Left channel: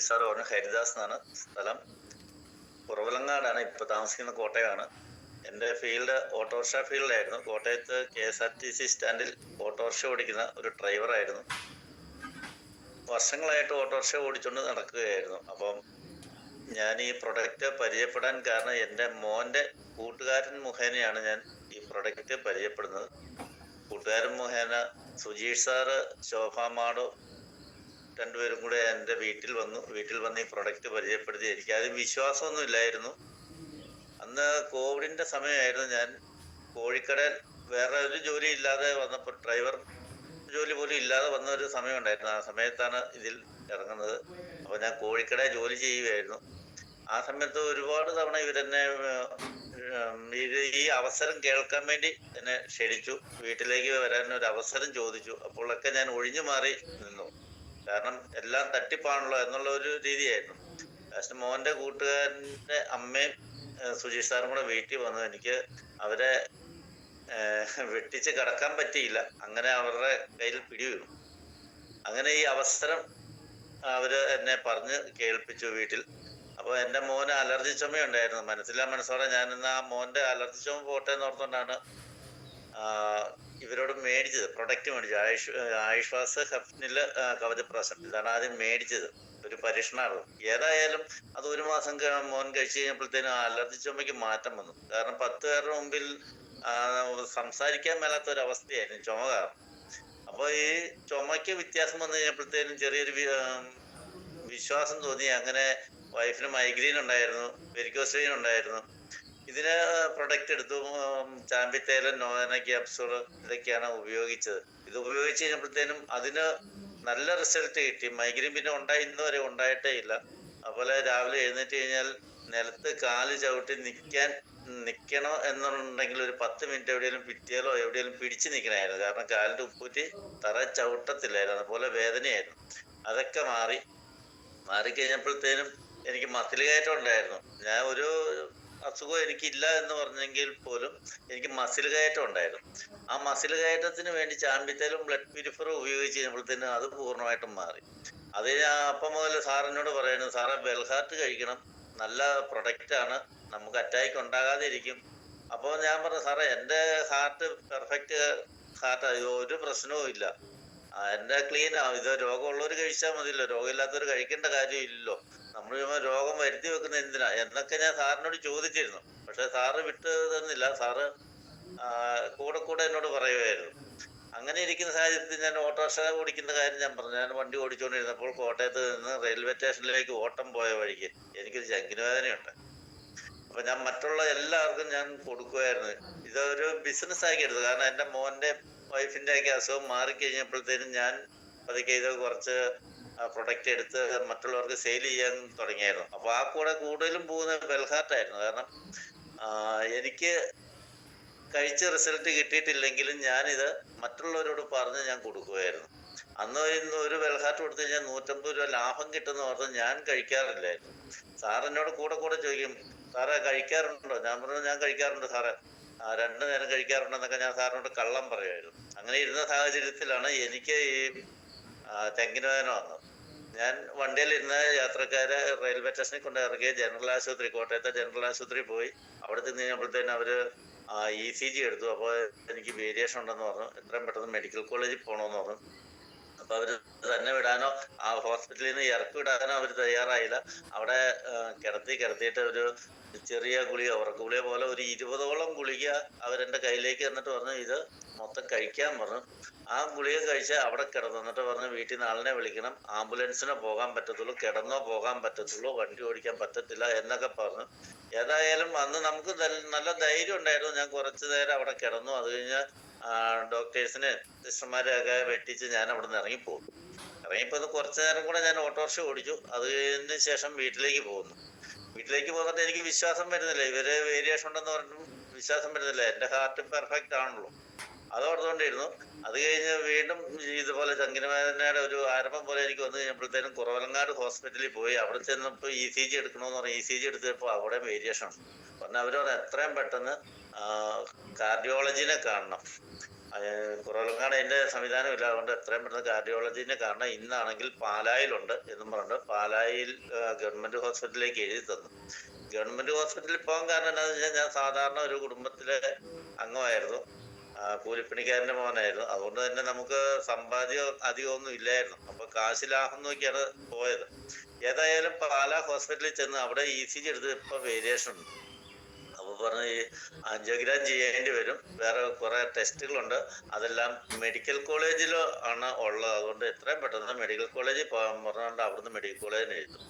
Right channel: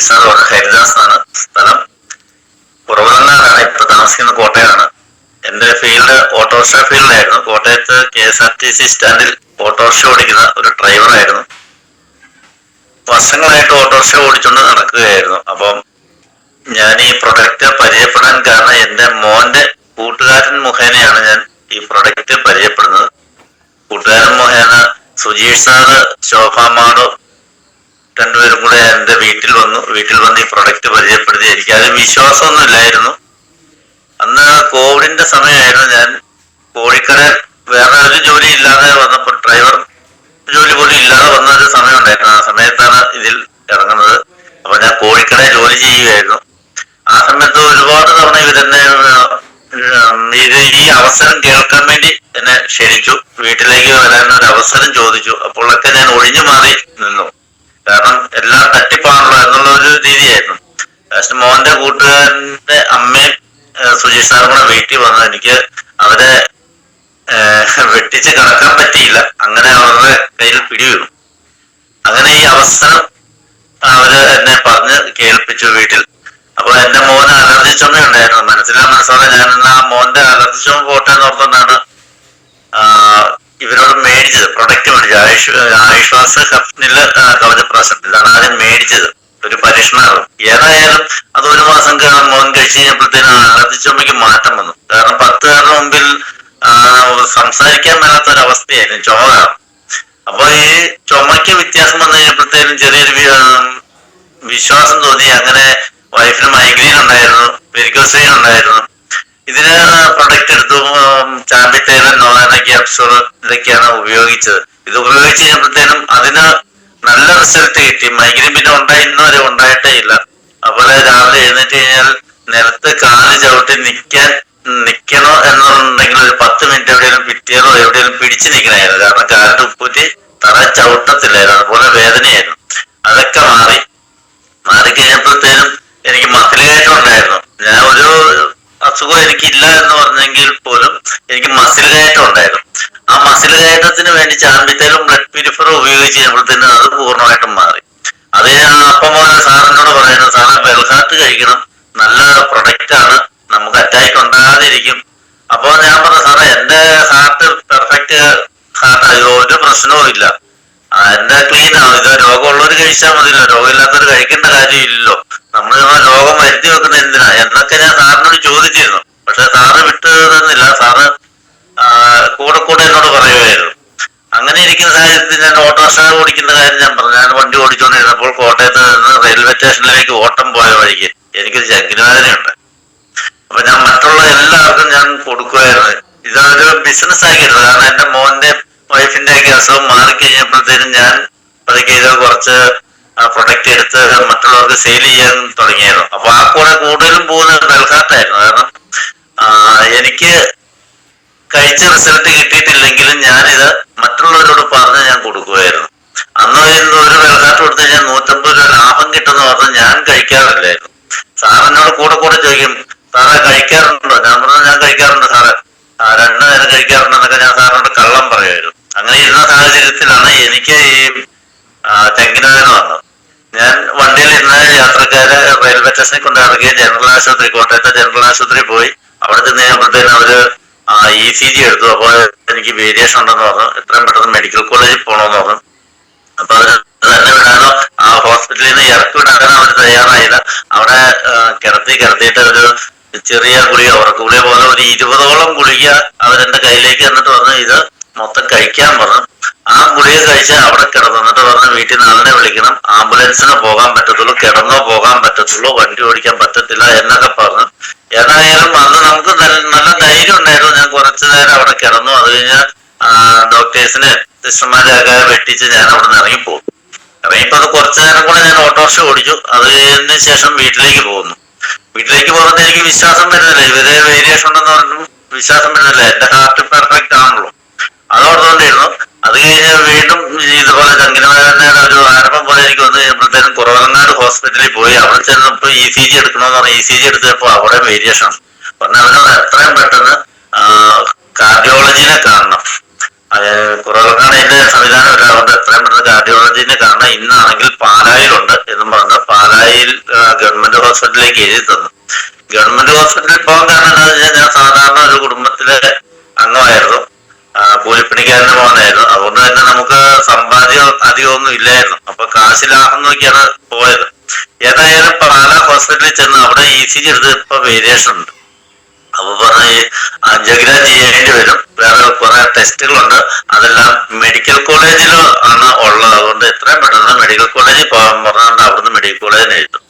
Sujith sir Haridas ആണ് സ്ഥലം. കുറവനാടാണ് ഇപ്പൊ താമസിക്കുന്ന കോട്ടയാണ് എന്റെ ഫീൽഡ് ഓട്ടോറിക്ഷ ഫീൽഡിലായിരുന്നു കോട്ടയത്ത് K S R T C സ്റ്റാൻഡിൽ ഓട്ടോറിക്ഷ ഓടിക്കുന്ന ഒരു ഡ്രൈവറായിരുന്നു വർഷങ്ങളായിട്ട് ഓട്ടോറിക്ഷ ഓടിച്ചുകൊണ്ട് നടക്കുകയായിരുന്നു. അപ്പം ഞാൻ ഈ പ്രൊഡക്റ്റ് പരിചയപ്പെടാൻ കാരണം എന്റെ മോന്റെ കൂട്ടുകാരൻ മുഖേനയാണ് ഞാൻ ഈ പ്രൊഡക്റ്റ് പരിചയപ്പെടുന്നത്. കൂട്ടുകാരൻ മുഖേന സുജീഷ് സാറ് ശോഭാമാടോ രണ്ടുപേരും കൂടെ എന്റെ വീട്ടിൽ വന്നു. വീട്ടിൽ വന്ന് ഈ പ്രൊഡക്റ്റ് പരിചയപ്പെടുത്തി എനിക്ക് അതിൽ വിശ്വാസമൊന്നും ഇല്ലായിരുന്നു അന്ന് കോവിഡിന്റെ സമയമായിരുന്നു ഞാൻ കോഴിക്കട വേറെ ഒരു ജോലി ഇല്ലാതെ വന്നപ്പോൾ ഡ്രൈവർ ജോലി പോലും ഇല്ലാതെ വന്ന ഒരു സമയം ഉണ്ടായിരുന്നു ആ സമയത്താണ് ഇതിൽ ഇറങ്ങുന്നത്. അപ്പൊ ഞാൻ കോഴിക്കട ജോലി ചെയ്യുകയായിരുന്നു. ആ സമയത്ത് ഒരുപാട് തവണ ഇവരെന്നെ ഇത് ഈ അവസരം കേൾക്കാൻ വേണ്ടി എന്നെ ക്ഷണിച്ചു. വീട്ടിലേക്ക് വരാൻ ഒരു അവസരം ചോദിച്ചു. അപ്പോഴൊക്കെ ഞാൻ ഒഴിഞ്ഞു മാറി നിന്നു. കാരണം എല്ലാം തട്ടിപ്പാണല്ലോ എന്നുള്ള ഒരു രീതിയായിരുന്നു. പക്ഷെ മോന്റെ കൂട്ടുകാരന്റെ അമ്മയും സുജീഷ് സാറും കൂടെ വീട്ടിൽ വന്നു. എനിക്ക് അവരെ വെട്ടിച്ച് കിടക്കാൻ പറ്റിയില്ല. അങ്ങനെ അവരുടെ കയ്യിൽ പിടി അങ്ങനെ ഈ അവസരം അവർ എന്നെ പറഞ്ഞ് കേൾപ്പിച്ചു വീട്ടിൽ. അപ്പൊ എന്റെ മോന് അലർജി ചുമ ഉണ്ടായിരുന്നു. മനസ്സിലാ മനസ്സോടെ ഞാൻ എന്നാ മോന്റെ അലർജി ചുമ പോട്ടെ എന്ന് ആ, ഇവരോട് മേടിച്ചത്. പ്രൊഡക്റ്റ് മേടിച്ചത്. ആയുഷ് ആയുഷ്വാസ് ഹഫ്നിൽ കവചപ്രാശം ഇതാണ് ആദ്യം മേടിച്ചത്. ഒരു പരീക്ഷണമാണ് ഏതായാലും അത് ഒരു മാസം മോൻ കഴിച്ചു കഴിഞ്ഞപ്പോഴത്തേനും അലർജി ചുമയ്ക്ക് മാറ്റം വന്നു. കാരണം പത്ത് പേരുടെ മുമ്പിൽ സംസാരിക്കാൻ മേലാത്ത ഒരു അവസ്ഥയായിരുന്നു കാരണം. അപ്പൊ ഈ ചുമയ്ക്ക് വ്യത്യാസം വന്നു കഴിഞ്ഞപ്പോഴത്തേനും ചെറിയൊരു വിശ്വാസം തോന്നി. അങ്ങനെ വൈഫിന് മൈഗ്രെയിൻ ഉണ്ടായിരുന്നു പെരിക്കോസൈൻ ഉണ്ടായിരുന്നു. ഇതിന് പ്രൊഡക്റ്റ് എടുത്തു ചാമ്പിത്തേരൻ നോളാന ക്യാപ്സൂൾ ഇതൊക്കെയാണ് ഉപയോഗിച്ചത്. ഇത് ഉപയോഗിച്ച് കഴിഞ്ഞപ്പോഴത്തേനും അതിന് നല്ല റിസൾട്ട് കിട്ടി. മൈഗ്രെയിൻ പിന്നെ ഉണ്ടായി ഇന്ന് വരെ ഉണ്ടായിട്ടേ ഇല്ല. അപ്പോൾ രാവിലെ എഴുന്നേറ്റ് കഴിഞ്ഞാൽ നിലത്ത് കാൽ ചവിട്ടി നിൽക്കാൻ നിൽക്കണോ എന്നുണ്ടെങ്കിൽ ഒരു പത്ത് മിനിറ്റ് എവിടെയെങ്കിലും പിറ്റിയാലോ എവിടെയെങ്കിലും പിടിച്ചു നിൽക്കണമായിരുന്നു കാരണം കാലിന്റെ ഉപ്പൂറ്റി തറ ചവിട്ടത്തില്ലായിരുന്നു. അതുപോലെ വേദനയായിരുന്നു. അതൊക്കെ മാറി. മാറിക്കഴിഞ്ഞപ്പോഴത്തേനും എനിക്ക് ഉണ്ടായിരുന്നു. ഞാൻ ഒരു അസുഖം എനിക്കില്ല എന്ന് പറഞ്ഞെങ്കിൽ പോലും എനിക്ക് മസിൽ കയറ്റം ഉണ്ടായിരുന്നു. ആ മസിൽ കയറ്റത്തിന് വേണ്ടി ചാമ്പിത്തേലും ബ്ലഡ് പ്യൂരിഫറും ഉപയോഗിച്ച് കഴിയുമ്പോഴത്തേന് അത് പൂർണമായിട്ടും മാറി. അത് ഞാൻ അപ്പം പോലെ സാറിനോട് പറയുന്നത് സാറ് ബെൽഹാർട്ട് കഴിക്കണം. നല്ല പ്രൊഡക്റ്റ് ആണ്. നമുക്ക് അറ്റാക്ക് ഉണ്ടാകാതിരിക്കും. അപ്പൊ ഞാൻ പറഞ്ഞു സാറേ എന്റെ ഹാർട്ട് പെർഫെക്റ്റ് ഹാർട്ട് ഒരു പ്രശ്നവും ഇല്ല ആ, ക്ലീൻ രോഗം രോഗമുള്ളവർ കഴിച്ചാൽ മതിയല്ലോ. രോഗമില്ലാത്തവർ കഴിക്കേണ്ട കാര്യമില്ലല്ലോ. നമ്മൾ രോഗം വരുത്തി വെക്കുന്ന എന്തിനാ? എന്നൊക്കെ ഞാൻ സാറിനോട് ചോദിച്ചിരുന്നു. പക്ഷെ സാറ് വിട്ടു തന്നില്ല. സാറ് കൂടെ കൂടെ എന്നോട് പറയുമായിരുന്നു അങ്ങനെ ഇരിക്കുന്ന സാഹചര്യത്തിൽ ഞാൻ ഓട്ടോറിക്ഷ ഓടിക്കുന്ന കാര്യം ഞാൻ പറഞ്ഞു. ഞാൻ വണ്ടി ഓടിച്ചുകൊണ്ടിരുന്നപ്പോൾ കോട്ടയത്ത് നിന്ന് റെയിൽവേ സ്റ്റേഷനിലേക്ക് ഓട്ടം പോയ വഴിക്ക് എനിക്കൊരു ചങ്കിനുവേദനയുണ്ട് അപ്പൊ ഞാൻ മറ്റുള്ള എല്ലാവർക്കും ഞാൻ കൊടുക്കുമായിരുന്നു ഇതൊരു ബിസിനസ് ആക്കിയിരുന്നു കാരണം എന്റെ മോന്റെ വൈഫിന്റെ ഒക്കെ അസുഖം മാറിക്കഴിഞ്ഞപ്പോഴത്തേനും ഞാൻ പതുക്കെ ഇത് കുറച്ച് പ്രൊഡക്റ്റ് എടുത്ത് മറ്റുള്ളവർക്ക് സെയിൽ ചെയ്യാൻ തുടങ്ങിയായിരുന്നു. അപ്പൊ ആ കൂടെ കൂടുതലും പോകുന്നത് ബെൽഹാർട്ടായിരുന്നു കാരണം എനിക്ക് കഴിച്ച റിസൾട്ട് കിട്ടിയിട്ടില്ലെങ്കിലും ഞാനിത് മറ്റുള്ളവരോട് പറഞ്ഞ് ഞാൻ കൊടുക്കുമായിരുന്നു അന്ന് ഒരു വെള്ളക്കാട്ട് കൊടുത്തു കഴിഞ്ഞാൽ നൂറ്റമ്പത് രൂപ ലാഭം കിട്ടുന്ന പറഞ്ഞ് ഞാൻ കഴിക്കാറില്ലായിരുന്നു. സാറിനോട് കൂടെ കൂടെ ചോദിക്കും സാറേ കഴിക്കാറുണ്ടോ? ഞാൻ പറഞ്ഞു ഞാൻ കഴിക്കാറുണ്ട് സാറേ. രണ്ടു നേരം കഴിക്കാറുണ്ടെന്നൊക്കെ ഞാൻ സാറിനോട് കള്ളം പറയുമായിരുന്നു. അങ്ങനെ ഇരുന്ന സാഹചര്യത്തിലാണ് എനിക്ക് ഈ ആ, വന്നത്. ഞാൻ വണ്ടിയിൽ ഇരുന്ന യാത്രക്കാരെ റെയിൽവേ സ്റ്റേഷനിൽ കൊണ്ടിറങ്ങി ജനറൽ ആശുപത്രി കോട്ടയത്തെ ജനറൽ ആശുപത്രി പോയി. അവിടെ ചെന്ന് കഴിയുമ്പോഴത്തേന് അവർ ഇ സി ജി എടുത്തു. അപ്പോൾ എനിക്ക് വേരിയേഷൻ ഉണ്ടെന്ന് പറഞ്ഞു. എത്രയും പെട്ടെന്ന് മെഡിക്കൽ കോളേജിൽ പോകണമെന്ന് പറഞ്ഞു. അപ്പൊ അവർ തന്നെ വിടാനോ ആ ഹോസ്പിറ്റലിൽ നിന്ന് ഇറക്കി വിടാനോ അവർ തയ്യാറായില്ല. അവിടെ കിടത്തി കിടത്തിയിട്ട് ഒരു ചെറിയ ഗുളിക ഉറക്ക ഗുളിക പോലെ ഒരു ഇരുപതോളം ഗുളിക അവരെന്റെ കയ്യിലേക്ക് എന്നിട്ട് പറഞ്ഞു ഇത് മൊത്തം കഴിക്കാൻ പറഞ്ഞു ആ ഗുളിക കഴിച്ച് അവിടെ കിടന്നു എന്നിട്ട് പറഞ്ഞു വീട്ടിൽ നിന്ന് ആളിനെ വിളിക്കണം. ആംബുലൻസിന് പോകാൻ പറ്റത്തുള്ളൂ കിടന്നോ പോകാൻ പറ്റത്തുള്ളൂ വണ്ടി ഓടിക്കാൻ പറ്റത്തില്ല എന്നൊക്കെ പറഞ്ഞു ഏതായാലും അന്ന് നമുക്ക് നല്ല ധൈര്യം ഉണ്ടായിരുന്നു. ഞാൻ കുറച്ചു നേരം അവിടെ കിടന്നു. അത് കഴിഞ്ഞ് ഡോക്ടേഴ്സിന് സിസ്റ്റർമാരെയൊക്കെ വെട്ടിച്ച് ഞാൻ അവിടെ നിന്ന് ഇറങ്ങിപ്പോകും ഇപ്പൊ അത് കുറച്ചു നേരം കൂടെ ഞാൻ ഓട്ടോറിക്ഷ ഓടിച്ചു. അതിന് ശേഷം വീട്ടിലേക്ക് പോകുന്നു. വീട്ടിലേക്ക് പോകുന്നത് എനിക്ക് വിശ്വാസം വരുന്നില്ല. ഇവരെ വേരിയേഷൻ ഉണ്ടെന്ന് പറഞ്ഞു വിശ്വാസം വരുന്നില്ല. എന്റെ ഹാർട്ട് പെർഫെക്റ്റ് ആണല്ലോ. അതോർത്തുകൊണ്ടിരുന്നു അത് കഴിഞ്ഞ് വീണ്ടും ഇതുപോലെ ചങ്കിനവേദനയുടെ ഒരു ആരംഭം പോലെ എനിക്ക് വന്നു കഴിയുമ്പോഴത്തേനും കുറവങ്ങാട് ഹോസ്പിറ്റലിൽ പോയി. അവിടെ ചെന്നപ്പോ ഇ സി ജി എടുക്കണമെന്ന് പറഞ്ഞു ഇ സി ജി എടുത്തപ്പോ അവിടെ വേരിയേഷൻ പറഞ്ഞ അവനോട് എത്രയും പെട്ടെന്ന് കാർഡിയോളജിനെ കാണണം. കുറവങ്ങാട് അതിന്റെ സംവിധാനം ഇല്ല അതുകൊണ്ട് എത്രയും പെട്ടെന്ന് കാർഡിയോളജിനെ കാണണം. ഇന്നാണെങ്കിൽ പാലായിലുണ്ട് എന്നും പറഞ്ഞ് പാലായിൽ ഗവൺമെന്റ് ഹോസ്പിറ്റലിലേക്ക് എഴുതി തന്നു. ഗവൺമെന്റ് ഹോസ്പിറ്റലിൽ പോകാൻ കാരണം എന്താണെന്ന് വെച്ചാൽ ഞാൻ സാധാരണ ഒരു കുടുംബത്തിലെ അംഗമായിരുന്നു. കൂലിപ്പണിക്കാരന്റെ മോനായിരുന്നു അതുകൊണ്ട് തന്നെ നമുക്ക് സമ്പാദ്യം അധികമൊന്നും ഇല്ലായിരുന്നു. അപ്പൊ കാശ് ലാഭം നോക്കിയാണ് പോയത്. ഏതായാലും പാലാ ഹോസ്പിറ്റലിൽ ചെന്ന് അവിടെ ഇ സി ജി എടുത്ത് ഇപ്പൊ വേരിയേഷൻ ഉണ്ട്. അപ്പൊ പറഞ്ഞ അഞ്ചഗ്രാം ചെയ്യേണ്ടി വരും. വേറെ കുറെ ടെസ്റ്റുകളുണ്ട്. അതെല്ലാം മെഡിക്കൽ കോളേജിൽ ആണ് ഉള്ളത്. അതുകൊണ്ട് എത്രയും പെട്ടെന്ന് മെഡിക്കൽ കോളേജിൽ പോകാൻ പറഞ്ഞുകൊണ്ട് അവിടുന്ന് മെഡിക്കൽ കോളേജിന് എഴുതും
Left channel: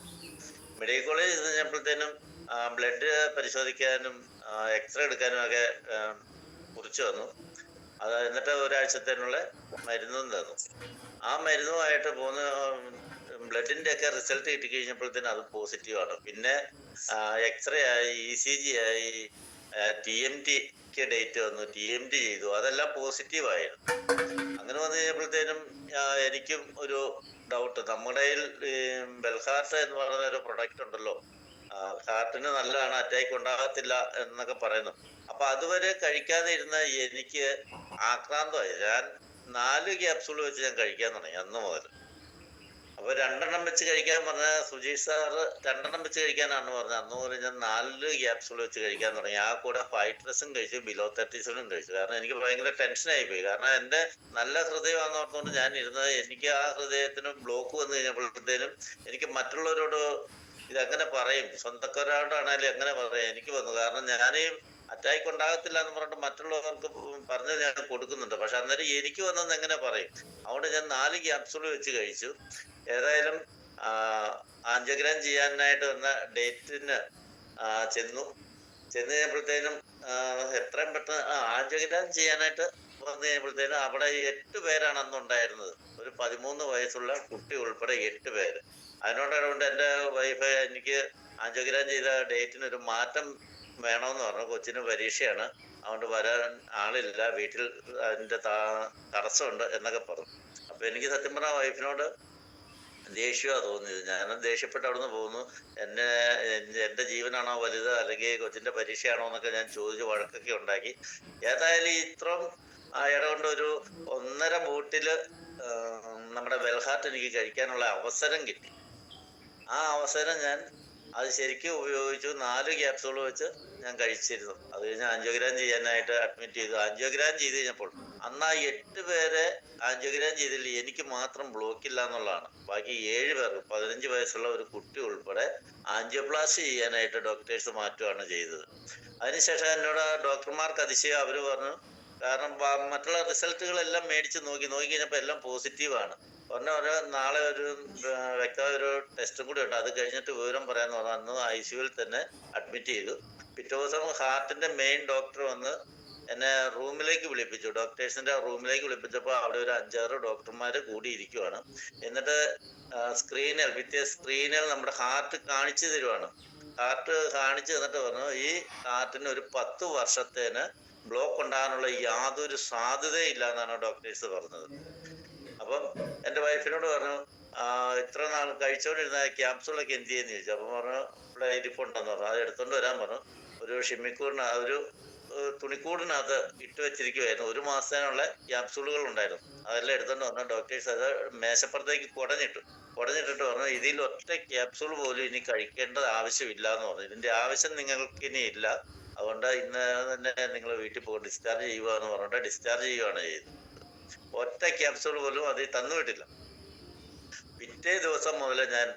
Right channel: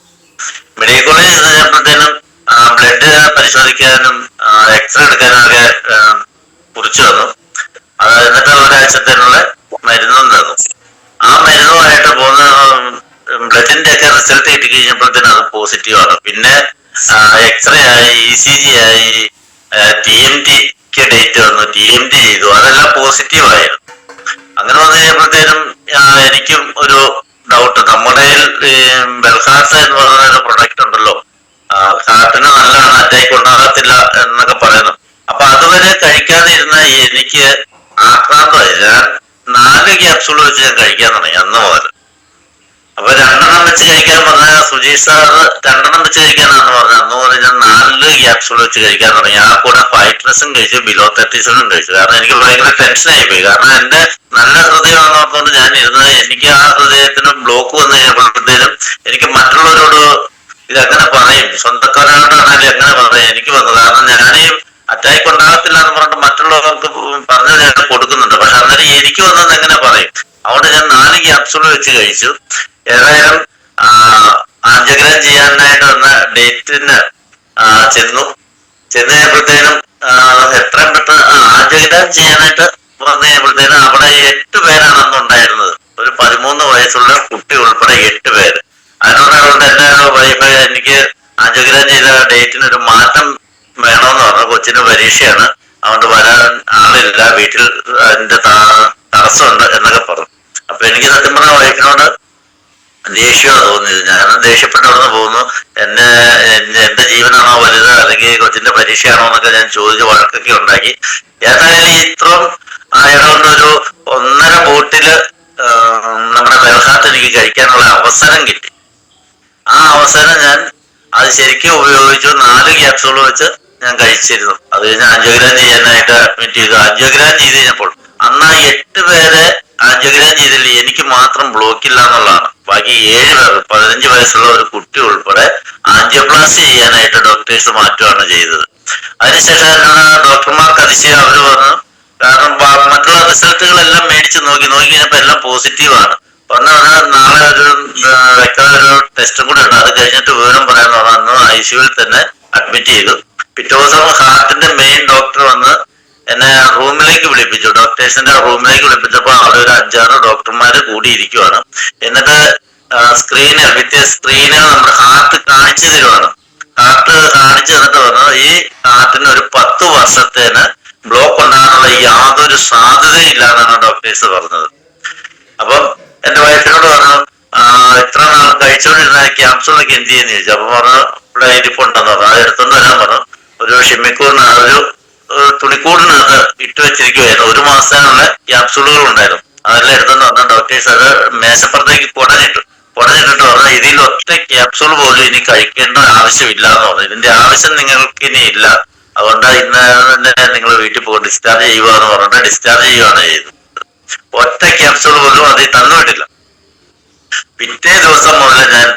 മെഡിക്കൽ കോളേജിൽ ചെന്നപ്പോഴത്തേനും ബ്ലഡ് പരിശോധിക്കാനും എക്സ്റേ എടുക്കാനും ഒക്കെ കുറിച്ചു തന്നു അത് എന്നിട്ട് ഒരാഴ്ചത്തേനുള്ള മരുന്നും തന്നു. ആ മരുന്നുമായിട്ട് പോകുന്ന ബ്ലഡിന്റെ ഒക്കെ റിസൾട്ട് കിട്ടി കഴിഞ്ഞപ്പോഴത്തേനും അത് പോസിറ്റീവ് ആണ്. പിന്നെ എക്സ്റേ ആയി ഇ സി ജി ആയി ടി എം ടിക്ക് ഡേറ്റ് വന്നു. ടി എം ടി ചെയ്തു. അതെല്ലാം പോസിറ്റീവ് ആയിരുന്നു. അങ്ങനെ വന്നു കഴിഞ്ഞപ്പോഴത്തേനും എനിക്കും ഒരു ഡൗട്ട് നമ്മുടെ ബെൽഹാർട്ട് എന്ന് പറയുന്ന ഒരു പ്രൊഡക്റ്റ് ഉണ്ടല്ലോ. ഹാർട്ടിന് നല്ലതാണ്. അറ്റാക്ക് ഉണ്ടാകത്തില്ല എന്നൊക്കെ പറയുന്നു. അപ്പൊ അതുവരെ കഴിക്കാതെ ഇരുന്ന എനിക്ക് ആക്രാന്തമായി ഞാൻ നാല് ക്യാപ്സൂൾ വെച്ച് ഞാൻ കഴിക്കാൻ തുടങ്ങി അന്ന് മുതൽ. അപ്പൊ രണ്ടെണ്ണം വെച്ച് കഴിക്കാൻ പറഞ്ഞ സുജീഷ് സാർ രണ്ടെണ്ണം വെച്ച് കഴിക്കാനാണ് പറഞ്ഞു അന്ന് മുതൽ ഞാൻ നാല് ക്യാപ്സൂൾ വെച്ച് കഴിക്കാൻ തുടങ്ങി. ആ കൂടെ ഫൈറ്റ്നസും കഴിച്ചു ബിലോ തേർട്ടീസിനും കഴിച്ചു. കാരണം എനിക്ക് ഭയങ്കര ടെൻഷനായി പോയി. കാരണം എന്റെ നല്ല ഹൃദയമാണെന്ന് ഓർത്തുകൊണ്ട് ഞാൻ ഇരുന്നത്. എനിക്ക് ആ ഹൃദയത്തിന് ബ്ലോക്ക് വന്നു കഴിഞ്ഞപ്പോഴത്തേനും എനിക്ക് മറ്റുള്ളവരോട് ഇതങ്ങനെ പറയും? സ്വന്തക്കാരോടാണെങ്കിലും എങ്ങനെ പറയും? എനിക്ക് വന്നു കാരണം ഞാനീ അറ്റാക്ക് ഉണ്ടാകത്തില്ല എന്ന് പറഞ്ഞിട്ട് മറ്റുള്ളവർക്ക് പറഞ്ഞു ഞാൻ കൊടുക്കുന്നുണ്ട്. പക്ഷെ അന്നേരം എനിക്ക് വന്നത് എങ്ങനെ പറയും? അതുകൊണ്ട് ഞാൻ നാല് ക്യാപ്സൂൾ വെച്ച് കഴിച്ചു. ഏതായാലും ആഞ്ചഗ്രഹം ചെയ്യാനായിട്ട് വന്ന ഡേറ്റിന് ചെന്നു ചെന്ന്. കഴിഞ്ഞപ്പോഴത്തേനും ആ, എത്രയും പെട്ടെന്ന് ആഞ്ചഗ്രഹം ചെയ്യാനായിട്ട് വന്നു കഴിഞ്ഞപ്പോഴത്തേനും അവിടെ എട്ട് പേരാണ് അന്ന് ഉണ്ടായിരുന്നത്. ഒരു പതിമൂന്ന് വയസ്സുള്ള കുട്ടി ഉൾപ്പെടെ എട്ട് പേര്. അതിനോടുകൊണ്ട് എന്റെ വൈഫ് എനിക്ക് ആഞ്ചഗ്രഹം ചെയ്ത ഡേറ്റിന് ഒരു മാറ്റം വേണമെന്ന് പറഞ്ഞു കൊച്ചിന് പരീക്ഷയാണ്. അതുകൊണ്ട് വരാൻ ആളില്ല. വീട്ടിൽ അതിന്റെ തടസ്സമുണ്ട് എന്നൊക്കെ പറഞ്ഞു. അപ്പൊ എനിക്ക് സത്യം പറഞ്ഞ വൈഫിനോട് ദേഷ്യമാണ് തോന്നിയത്. ഞാൻ ദേഷ്യപ്പെട്ട് അവിടുന്ന് പോകുന്നു. എന്നെ എന്റെ ജീവനാണോ വലുത് അല്ലെങ്കിൽ കൊച്ചിന്റെ പരീക്ഷയാണോ എന്നൊക്കെ ഞാൻ ചോദിച്ച് വഴക്കൊക്കെ ഉണ്ടാക്കി. ഏതായാലും ഇത്രയും ഒരു ഒന്നര ബോട്ടിൽ നമ്മുടെ ബൽഹാത്ത് എനിക്ക് കഴിക്കാനുള്ള അവസരം കിട്ടി. ആ അവസരം ഞാൻ അത് ശരിക്കും ഉപയോഗിച്ചു. നാല് ക്യാപ്സൂൾ വെച്ച് ഞാൻ കഴിച്ചിരുന്നു. അത് കഴിഞ്ഞ് ആൻജിയോഗ്രാം ചെയ്യാനായിട്ട് അഡ്മിറ്റ് ചെയ്തു. ആൻജിയോഗ്രാം ചെയ്ത് കഴിഞ്ഞപ്പോൾ അന്ന് ആ എട്ട് പേരെ ആൻജിയോഗ്രാം ചെയ്തില്ലേ? എനിക്ക് മാത്രം ബ്ലോക്ക് ഇല്ല എന്നുള്ളതാണ്. ബാക്കി ഏഴ് പേർ പതിനഞ്ച് വയസ്സുള്ള ഒരു കുട്ടി ഉൾപ്പെടെ ആൻജിയോപ്ലാസ്റ്റി ചെയ്യാനായിട്ട് ഡോക്ടേഴ്സ് മാറ്റുകയാണ് ചെയ്തത്. അതിനുശേഷം ഡോക്ടർമാർക്ക് അതിശയം അവർ പറഞ്ഞു കാരണം മറ്റുള്ള റിസൾട്ടുകളെല്ലാം മേടിച്ച് നോക്കി. നോക്കി കഴിഞ്ഞപ്പോ എല്ലാം പോസിറ്റീവ് ആണ്. പറഞ്ഞു പറഞ്ഞാൽ നാളെ ഒരു വ്യക്തത ഒരു ടെസ്റ്റും കൂടെ ഉണ്ട്. അത് കഴിഞ്ഞിട്ട് വിവരം പറയാൻ പറഞ്ഞു. ഐ സിയുവിൽ തന്നെ അഡ്മിറ്റ് ചെയ്തു. പിറ്റേ ദിവസം ഹാർട്ടിന്റെ മെയിൻ ഡോക്ടർ വന്ന് എന്നെ റൂമിലേക്ക് വിളിപ്പിച്ചു. ഡോക്ടേഴ്സിന്റെ റൂമിലേക്ക് വിളിപ്പിച്ചപ്പോൾ അവിടെ ഒരു അഞ്ചാറ് ഡോക്ടർമാര് കൂടിയിരിക്കുവാണ്. എന്നിട്ട് സ്ക്രീന് വിത്ത് സ്ക്രീന് നമ്മുടെ ഹാർട്ട് കാണിച്ചു തരുവാണ്. ഹാർട്ട് കാണിച്ചു തന്നിട്ട് പറഞ്ഞു ഈ ഹാർട്ടിന് ഒരു പത്ത് വർഷത്തേന് ബ്ലോക്ക് ഉണ്ടാകാനുള്ള യാതൊരു സാധ്യതയില്ല എന്നാണ് ഡോക്ടേഴ്സ് പറഞ്ഞത്. അപ്പം എന്റെ വൈഫിനോട് പറഞ്ഞു ഇത്ര നാൾ കഴിച്ചോണ്ടിരുന്ന ക്യാപ്സൂളൊക്കെ എന്ത് ചെയ്യുന്ന ചോദിച്ചു. അപ്പൊ പറഞ്ഞു ഇവിടെ ഇരിപ്പുണ്ടെന്ന് പറഞ്ഞു. അത് എടുത്തോണ്ട് വരാൻ പറഞ്ഞു. ഒരു ഷിമ്മിക്കൂറിന് ഒരു തുണിക്കൂടിനകത്ത് ഇട്ട് വെച്ചിരിക്കുവായിരുന്നു. ഒരു മാസത്തിനുള്ള ക്യാപ്സൂളുകൾ ഉണ്ടായിരുന്നു. അതെല്ലാം എടുത്തെന്ന് പറഞ്ഞ ഡോക്ടേഴ്സ് അത് മേശപ്പുറത്തേക്ക് പൊടഞ്ഞിട്ടു. പൊടഞ്ഞിട്ടിട്ട് പറഞ്ഞു ഇതിൽ ഒറ്റ ക്യാപ്സൂൾ പോലും ഇനി കഴിക്കേണ്ട ആവശ്യമില്ല എന്ന് പറഞ്ഞു. ഇതിന്റെ ആവശ്യം നിങ്ങൾക്ക് ഇനി ഇല്ല. അതുകൊണ്ട് ഇന്ന് തന്നെ നിങ്ങൾ വീട്ടിൽ പോകും ഡിസ്ചാർജ് ചെയ്യുക എന്ന് പറഞ്ഞിട്ട് ഡിസ്ചാർജ് ചെയ്യുകയാണ് ചെയ്തത്. ഒറ്റ ക്യാപ്സൂൾ പോലും അതിൽ തന്നുവിട്ടില്ല പിറ്റേ ദിവസം മുതൽ ഞാൻ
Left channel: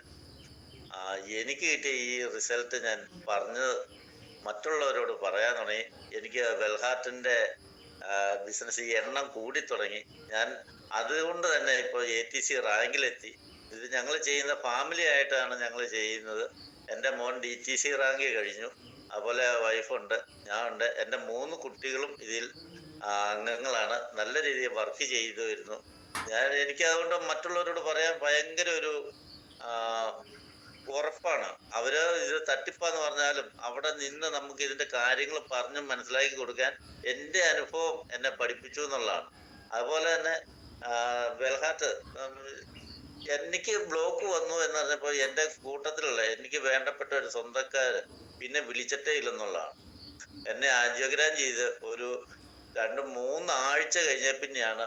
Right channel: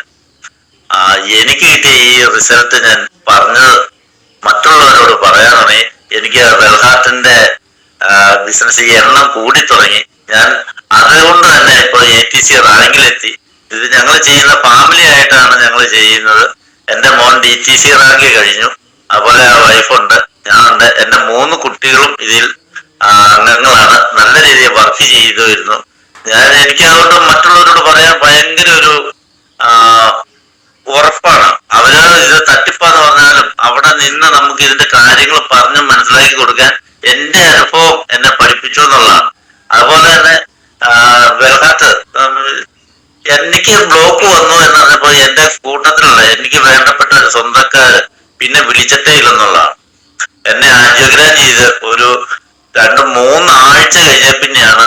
എനിക്ക് കിട്ടിയ ഈ റിസൾട്ട് ഞാൻ പറഞ്ഞത് എനിക്ക് വെൽഹാർട്ടിന്റെ ബിസിനസ് എണ്ണം കൂടി തുടങ്ങി. ഞാൻ അതുകൊണ്ട് തന്നെ ഇപ്പോൾ എ ടി സി റാങ്കിലെത്തി. ഇത് ഞങ്ങൾ ചെയ്യുന്ന ഫാമിലി ആയിട്ടാണ് ഞങ്ങൾ ചെയ്യുന്നത്. എന്റെ മോൻ ഡി ടി സി റാങ്ക് കഴിഞ്ഞു. അതുപോലെ വൈഫുണ്ട്. ഞാനുണ്ട്. എന്റെ മൂന്ന് കുട്ടികളും ഇതിൽ അംഗങ്ങളാണ്. നല്ല രീതിയിൽ വർക്ക് ചെയ്തു വരുന്നു ഞാൻ എനിക്ക് അതുകൊണ്ട് മറ്റുള്ളവരോട് പറയാൻ ഭയങ്കര ഒരു ഉറപ്പാണ്. അവർ ഇത് തട്ടിപ്പാന്ന് പറഞ്ഞാലും അവിടെ നിന്ന് നമുക്ക് ഇതിന്റെ കാര്യങ്ങൾ പറഞ്ഞ് മനസ്സിലാക്കി കൊടുക്കാൻ എന്റെ അനുഭവം എന്നെ പഠിപ്പിച്ചു എന്നുള്ളതാണ്. അതുപോലെ തന്നെ വെൽഹാത്ത് എനിക്ക് ബ്ലോക്ക് വന്നു എന്ന് പറഞ്ഞപ്പോ എന്റെ കൂട്ടത്തിലുള്ള എനിക്ക് വേണ്ടപ്പെട്ട സ്വന്തക്കാര് പിന്നെ വിളിച്ചിട്ടേ ഇല്ലെന്നുള്ളതാണ്. എന്നെ ആൻജിയോഗ്രാം ചെയ്ത് ഒരു രണ്ട് മൂന്ന് ആഴ്ച കഴിഞ്ഞ പിന്നെയാണ്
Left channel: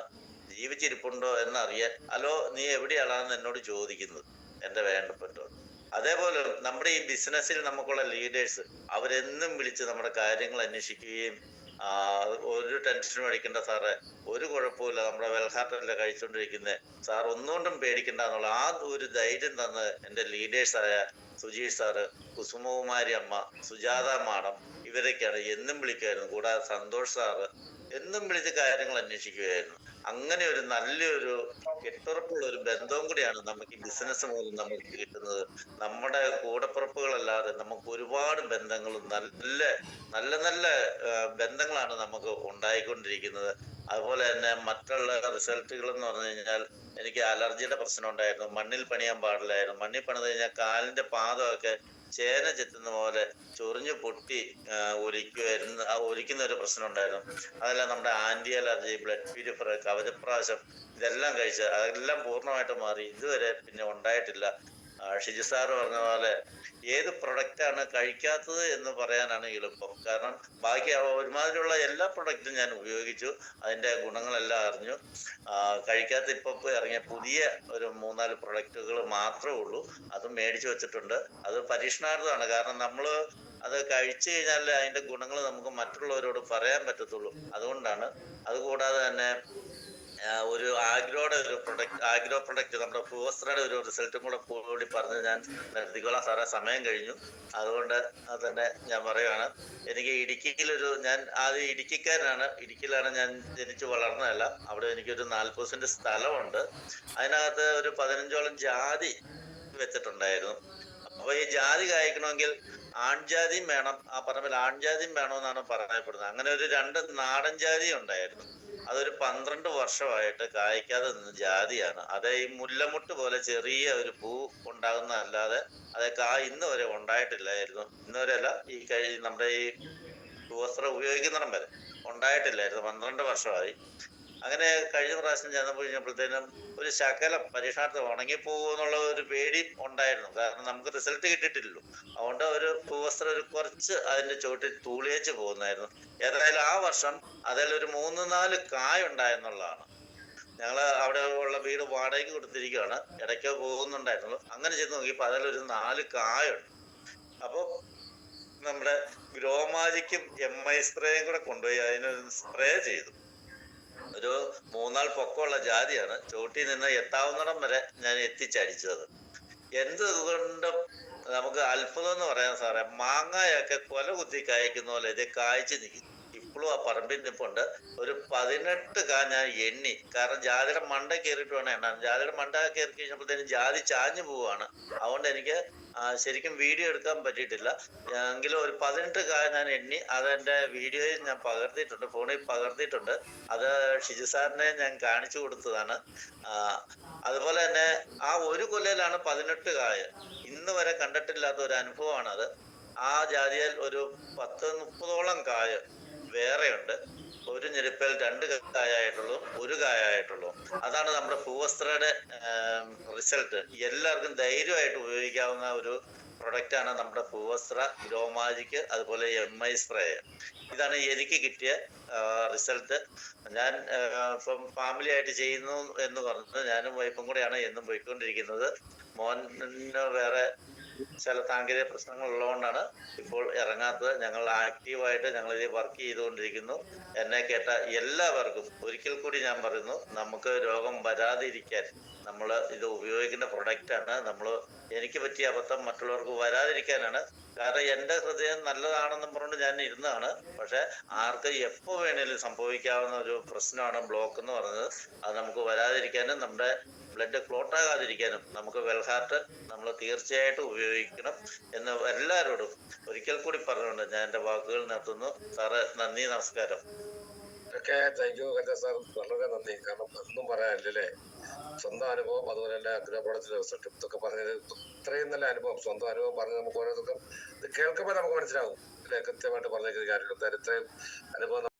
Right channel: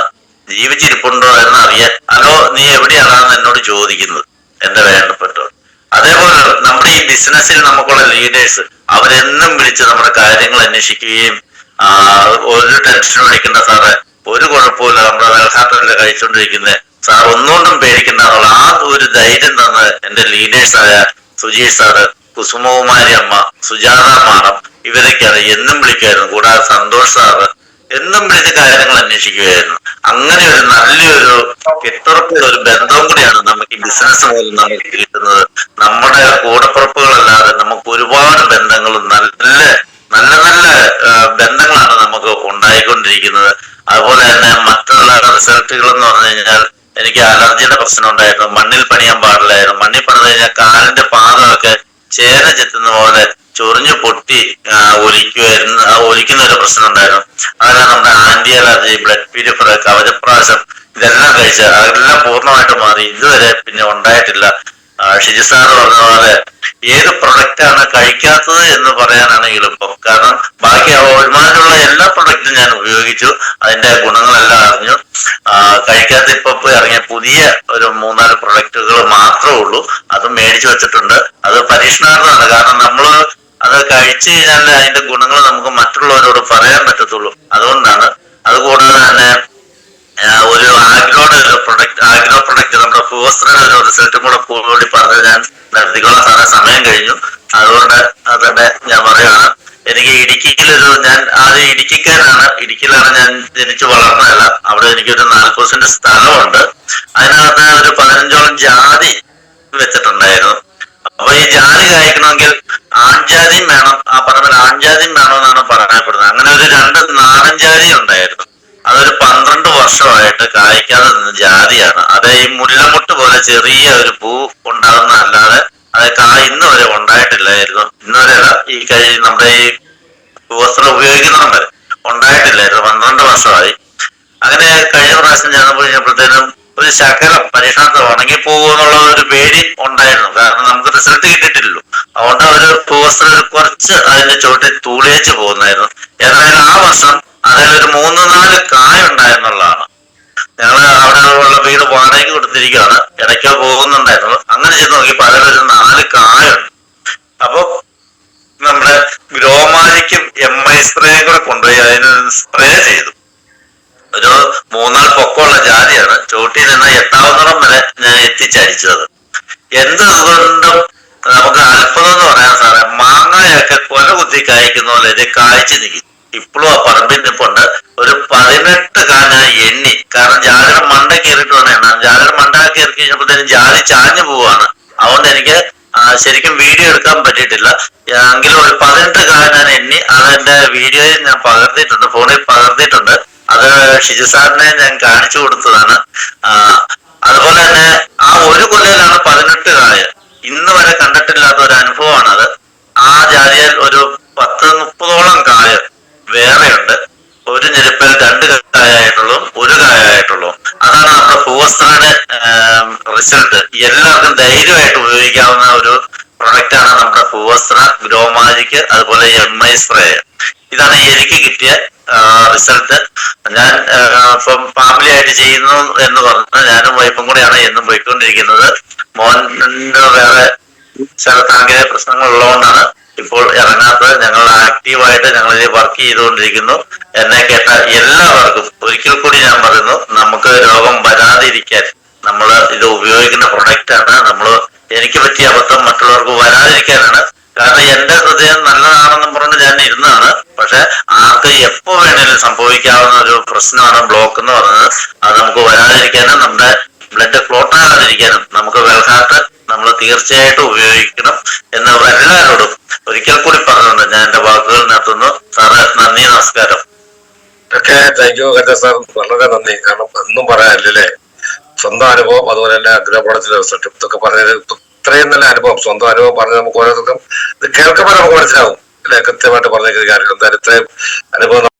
ജീവിച്ചിരിപ്പുണ്ടോ എന്ന് അറിയാൻ. ഹലോ നീ എവിടെയാണെന്ന് എന്നോട് ചോദിക്കുന്നത് എന്റെ വേണ്ടപ്പെട്ടവർ. അതേപോലെ നമ്മുടെ ഈ ബിസിനസ്സിൽ നമുക്കുള്ള ലീഡേഴ്സ് അവരെന്നും വിളിച്ച് നമ്മുടെ കാര്യങ്ങൾ അന്വേഷിക്കുകയും ഒരു ടെൻഷനും അടിക്കുന്ന സാറ് ഒരു കുഴപ്പമില്ല നമ്മുടെ വെൽഹാത്തല്ല കഴിച്ചുകൊണ്ടിരിക്കുന്നത് സാർ ഒന്നുകൊണ്ടും പേടിക്കണ്ട എന്നുള്ള ആ ഒരു ധൈര്യം തന്ന എന്റെ ലീഡേഴ്സായ സുജീഷ് സാറ് കുസുമകുമാരി അമ്മ സുജാത മാഡം ഇവരൊക്കെയാണ് എന്നും വിളിക്കുമായിരുന്നു കൂടാതെ സന്തോഷ് സാറ് എന്നും വിളിച്ച് കാര്യങ്ങൾ അന്വേഷിക്കുകയായിരുന്നു. അങ്ങനെ ഒരു നല്ലൊരു കെട്ടുറപ്പുള്ള ഒരു ബന്ധവും കൂടിയാണ് നമുക്ക് ഈ ബിസിനസ് മൂലം നമുക്ക് കിട്ടുന്നത്. നമ്മുടെ കൂടപ്പുറപ്പുകളല്ലാതെ നമുക്ക് ഒരുപാട് ബന്ധങ്ങൾ നല്ല നല്ല നല്ല ബന്ധങ്ങളാണ് നമുക്ക് ഉണ്ടായിക്കൊണ്ടിരിക്കുന്നത്. അതുപോലെ തന്നെ മറ്റുള്ള റിസൾട്ടുകൾ എന്ന് പറഞ്ഞു കഴിഞ്ഞാൽ എനിക്ക് അലർജിയുടെ പ്രശ്നം ഉണ്ടായിരുന്നു. മണ്ണിൽ പണിയാൻ പാടില്ലായിരുന്നു. മണ്ണിൽ പണിത് കഴിഞ്ഞാൽ കാലിന്റെ പാദമൊക്കെ ചേന ചെത്തുന്ന പോലെ ചൊറിഞ്ഞു പൊട്ടി ഒലിക്കുമായിരുന്നു ഒലിക്കുന്ന ഒരു പ്രശ്നം ഉണ്ടായിരുന്നു അതെല്ലാം നമ്മുടെ ആന്റി അലർജി ബ്ലഡ് പ്യൂരിഫർ കവചപ്രാശം ഇതെല്ലാം കഴിച്ച് അതെല്ലാം പൂർണമായിട്ട് മാറി. ഇതുവരെ പിന്നെ ഉണ്ടായിട്ടില്ല. ഷിജി സാർ പറഞ്ഞ പോലെ ഏത് പ്രൊഡക്റ്റ് ആണ് കഴിക്കാത്തത് എന്ന് പറയാനാണ് എളുപ്പം. കാരണം ബാക്കി ഒരുമാതിരിയുള്ള എല്ലാ പ്രൊഡക്റ്റും ഞാൻ ഉപയോഗിച്ചു. അതിന്റെ ഗുണങ്ങളെല്ലാം അറിഞ്ഞു. കഴിക്കാത്ത ഇപ്പൊ ഇറങ്ങിയ പുതിയ ഒരു മൂന്നാൽ പ്രൊഡക്റ്റുകൾ മാത്രമേ ഉള്ളൂ. അത് മേടിച്ചു വെച്ചിട്ടുണ്ട്. അത് പരീക്ഷണാർത്ഥമാണ്. കാരണം നമ്മൾ അത് കഴിച്ചു കഴിഞ്ഞാൽ അതിന്റെ ഗുണങ്ങൾ നമുക്ക് മറ്റുള്ളവരോട് പറയാൻ പറ്റത്തുള്ളൂ. അതുകൊണ്ടാണ്. അതുകൂടാതെ തന്നെ ഒരു ഒരു പ്രൊഡക്റ്റ് ആഗ്രോ പ്രൊഡക്റ്റ് നമ്മുടെ ഫുവസ്ത്രയുടെ ഒരു റിസൾട്ടും കൂടെ കൂടി പറഞ്ഞ് ഞാൻ നിർത്തിക്കോളാം സാറേ. സമയം കഴിഞ്ഞു. അതുകൊണ്ട് അതന്നെ ഞാൻ പറയുകയാണ് എനിക്ക് ഇടുക്കിയിലൊരു ഞാൻ ആദ്യം ഇടുക്കിക്കാരാണ്. ഇടുക്കിയിലാണ് ഞാൻ ജനിച്ചു വളർന്നതല്ല. അവിടെ എനിക്കൊരു നാൽപ്പത് സെന്റ് സ്ഥലമുണ്ട്. അതിനകത്ത് ഒരു പതിനഞ്ചോളം ജാതി വെച്ചിട്ടുണ്ടായിരുന്നു അപ്പൊ കായ്ക്കണമെങ്കിൽ ആൺജാതിയും വേണം. ആ പറമ്പിൽ ആൺജാതിയും വേണമെന്നാണ് പറയപ്പെടുന്നത് അങ്ങനെ ഒരു രണ്ട് നാടൻ ജാതി ഉണ്ടായിരുന്നു. അതൊരു പന്ത്രണ്ട് വർഷമായിട്ട് കായ്ക്കാതെ നിന്ന ജാതിയാണ്. അത് ഈ മുല്ലമുട്ട് പോലെ ചെറിയ ഒരു പൂ ഉണ്ടാകുന്ന അല്ലാതെ അത് കായ ഇന്ന് വരെ ഉണ്ടായിട്ടില്ലായിരുന്നു. ഇന്ന് വരെ ഈ കൈ നമ്മുടെ ഈ വസ്ത്രം ഉപയോഗിക്കുന്നുണ്ട് ഉണ്ടായിട്ടില്ലായിരുന്നു. പന്ത്രണ്ട് വർഷമായി. അങ്ങനെ കഴിഞ്ഞ പ്രാവശ്യം ചെന്നപ്പോൾ കഴിഞ്ഞപ്പോഴത്തേനും ഒരു ശകലം പരീക്ഷണത്തിൽ ഉണങ്ങി പോകുമെന്നുള്ള ഒരു പേടി ഉണ്ടായിരുന്നു. കാരണം നമുക്ക് റിസൾട്ട് അതുകൊണ്ട് ഒരു കുറച്ച് അതിന്റെ ചുവട്ടിൽ തൂളിയേച്ച് പോകുന്നായിരുന്നു ഏതായാലും ആ വർഷം ഒരു മൂന്ന് നാല് കായ ഉണ്ടായിരുന്നുള്ളതാണ്. ഞങ്ങൾ അവിടെ ഉള്ള വീട് വാടകയ്ക്ക് കൊടുത്തിരിക്കുകയാണ്. ഇടയ്ക്കോ പോകുന്നുണ്ടായിരുന്നു. അങ്ങനെ ചെന്ന് നോക്കിയപ്പോൾ അതിലൊരു നാല് കായുണ്ട് അപ്പൊ നമ്മുടെ ഗ്രോമാലിക്കും എം ഐ സ്പ്രേയും കൂടെ കൊണ്ടുപോയി അതിന് സ്പ്രേ ചെയ്തു. ഒരു മൂന്നാൾ പൊക്കമുള്ള ജാതിയാണ്. ചോട്ടിൽ നിന്ന് എത്താവുന്നിടം വരെ ഞാൻ എത്തിച്ചടിച്ചത് എന്തുകൊണ്ടും നമുക്ക് അത്ഭുതം എന്ന് പറയാൻ സാറേ. മാങ്ങയൊക്കെ കൊല കുത്തി കായ്ക്കുന്ന പോലെ ഇത് കായ്ച്ചു നിൽക്കും ഇപ്പോഴും ആ പറമ്പിൽ നിൽപ്പുണ്ട് ഒരു പതിനെട്ട് കാന എണ്ണി. കാരണം ജാതിയുടെ മണ്ട കയറിയിട്ട് വന്ന എണ്ണ. ജാതിയുടെ മണ്ട കയറി കഴിഞ്ഞപ്പോഴത്തേനും ജാലി ചാഞ്ഞു പോവാണ്. അതുകൊണ്ട് എനിക്ക് ശരിക്കും വീഡിയോ എടുക്കാൻ പറ്റിയിട്ടില്ല. എങ്കിലും ഒരു പതിനെട്ട് കാന ഞാൻ എണ്ണി. അതെന്റെ വീഡിയോയിൽ ഞാൻ പകർത്തിയിട്ടുണ്ട്. ഫോണിൽ പകർത്തിയിട്ടുണ്ട്. അത് ഷിജു സാറിനെ ഞാൻ കാണിച്ചു കൊടുത്തതാണ്. അതുപോലെ തന്നെ ആ ഒരു കൊല്ലയിലാണ് പതിനെട്ട് കായ. ഇന്ന് വരെ കണ്ടിട്ടില്ലാത്ത ഒരു അനുഭവമാണ് അത് ആ ജാതിയിൽ ഒരു പത്ത് മുപ്പതോളം കായ വേറെയുണ്ട്. ഒരു ഞെരുപ്പിൽ രണ്ട് കായായിട്ടുള്ളൂ ഒരു കായായിട്ടുള്ളൂ അതാണ് നമ്മുടെ ഭൂവസ്ത്രയുടെ റിസൾട്ട് എല്ലാവർക്കും ധൈര്യമായിട്ട് ഉപയോഗിക്കാവുന്ന ഒരു പ്രൊഡക്റ്റ് ആണ് നമ്മുടെ ഭൂവസ്ത്ര ഗ്രോമാജിക്ക് അതുപോലെ എം ഐ സ്പ്രേ ഇതാണ് എനിക്ക് കിട്ടിയ റിസൾട്ട് ഞാൻ ഇപ്പം ഫാമിലി ആയിട്ട് ചെയ്യുന്നു എന്ന് പറഞ്ഞ് ഞാനും വൈഫും കൂടെയാണ് എന്നും പോയിക്കൊണ്ടിരിക്കുന്നത്. മോന് വേറെ ചില സാങ്കേതിക പ്രശ്നങ്ങൾ ഉള്ളതുകൊണ്ടാണ് ഇപ്പോൾ ഇറങ്ങാത്തത്. ഞങ്ങൾ ആക്റ്റീവായിട്ട് ഞങ്ങൾ വർക്ക് ചെയ്തുകൊണ്ടിരിക്കുന്നു. എന്നെ കേട്ട എല്ലാവർക്കും ഒരിക്കൽ കൂടി ഞാൻ പറയുന്നു നമുക്ക് രോഗം വരാതിരിക്കാൻ നമ്മൾ ഇത് ഉപയോഗിക്കുന്ന പ്രൊഡക്റ്റ് ആണ്. നമ്മൾ എനിക്ക് പറ്റിയ അബദ്ധം മറ്റുള്ളവർക്ക് വരാതിരിക്കാനാണ് കാരണം എന്റെ ഹൃദയം നല്ലതാണെന്നും പറഞ്ഞ് ഞാൻ ഇരുന്നതാണ്. പക്ഷെ ആർക്ക് എപ്പോ വേണേലും സംഭവിക്കാവുന്ന ഒരു പ്രശ്നമാണ് ബ്ലോക്ക് എന്ന് പറഞ്ഞത്. അത് നമുക്ക് വരാതിരിക്കാനും നമ്മുടെ ബ്ലഡ് ക്ലോട്ട് ആകാതിരിക്കാനും നമുക്ക് വെൽഹാർട്ട് നമ്മൾ തീർച്ചയായിട്ടും ഉപയോഗിക്കണം എന്ന് എല്ലാവരോടും ഒരിക്കൽ കൂടി പറഞ്ഞുകൊണ്ട് ഞാൻ എന്റെ വാക്കുകൾ നിർത്തുന്നു. സാറ് നന്ദി നമസ്കാരം. ഒക്കെ താങ്ക് യു ഹരിത സാർ വളരെ നന്ദി. കാരണം ഒന്നും പറയാനില്ലല്ലേ സ്വന്തം അനുഭവം അതുപോലെ തന്നെ അഗ്രഹപാഠത്തിലെ റിസൾട്ട് ഇതൊക്കെ പറഞ്ഞത് ഇത്രയും നല്ല അനുഭവം സ്വന്തം അനുഭവം പറഞ്ഞ് നമുക്ക് ഓരോരുത്തർക്കും ഇത് കേൾക്കുമ്പോൾ നമുക്ക് മനസ്സിലാവും. അല്ലെ? കൃത്യമായിട്ട് പറഞ്ഞിരിക്കുന്ന കാര്യങ്ങൾ. എന്തായാലും ഇത്രയും അനുഭവം